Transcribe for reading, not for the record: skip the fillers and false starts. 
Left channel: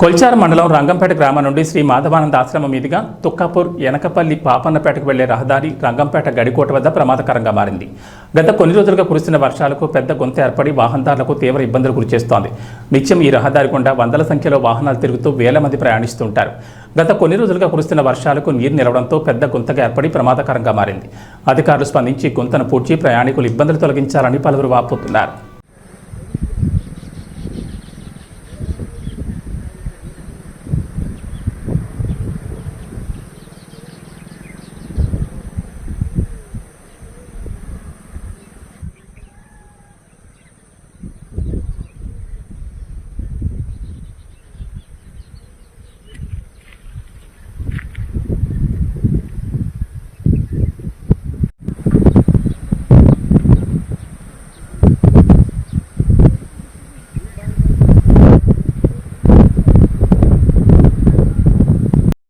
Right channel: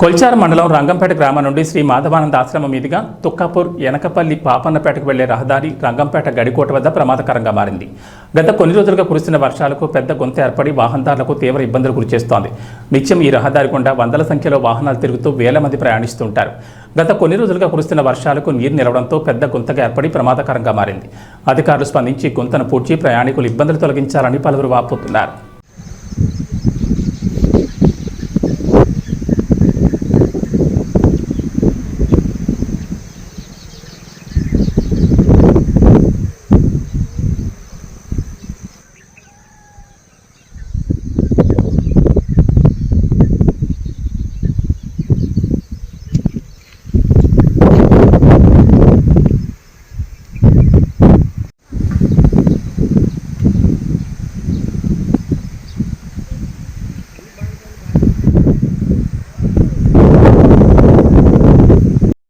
కొల్చార మండలం రంగంపేట గ్రామం నుండి శ్రీ మాధవానంద ఆశ్రమం మీదుగా తుక్కాపూర్ ఎనకపల్లి పాపన్నపేటకు వెళ్లే రహదారి రంగంపేట గడికోట వద్ద ప్రమాదకరంగా మారింది. గత కొన్ని రోజులుగా కురుస్తున్న వర్షాలకు పెద్ద గుంత ఏర్పడి వాహనదారులకు తీవ్ర ఇబ్బందులు గురిచేస్తోంది. నిత్యం ఈ రహదారి గుండా వందల సంఖ్యలో వాహనాలు తిరుగుతూ వేల మంది ప్రయాణిస్తుంటారు. గత కొన్ని రోజులుగా కురుస్తున్న వర్షాలకు నీరు నిలవడంతో పెద్ద గుంతగా ఏర్పడి ప్రమాదకరంగా మారింది. అధికారులు స్పందించి గుంతను పూడ్చి ప్రయాణికులు ఇబ్బందులు తొలగించాలని పలువురు వాపోతున్నారు.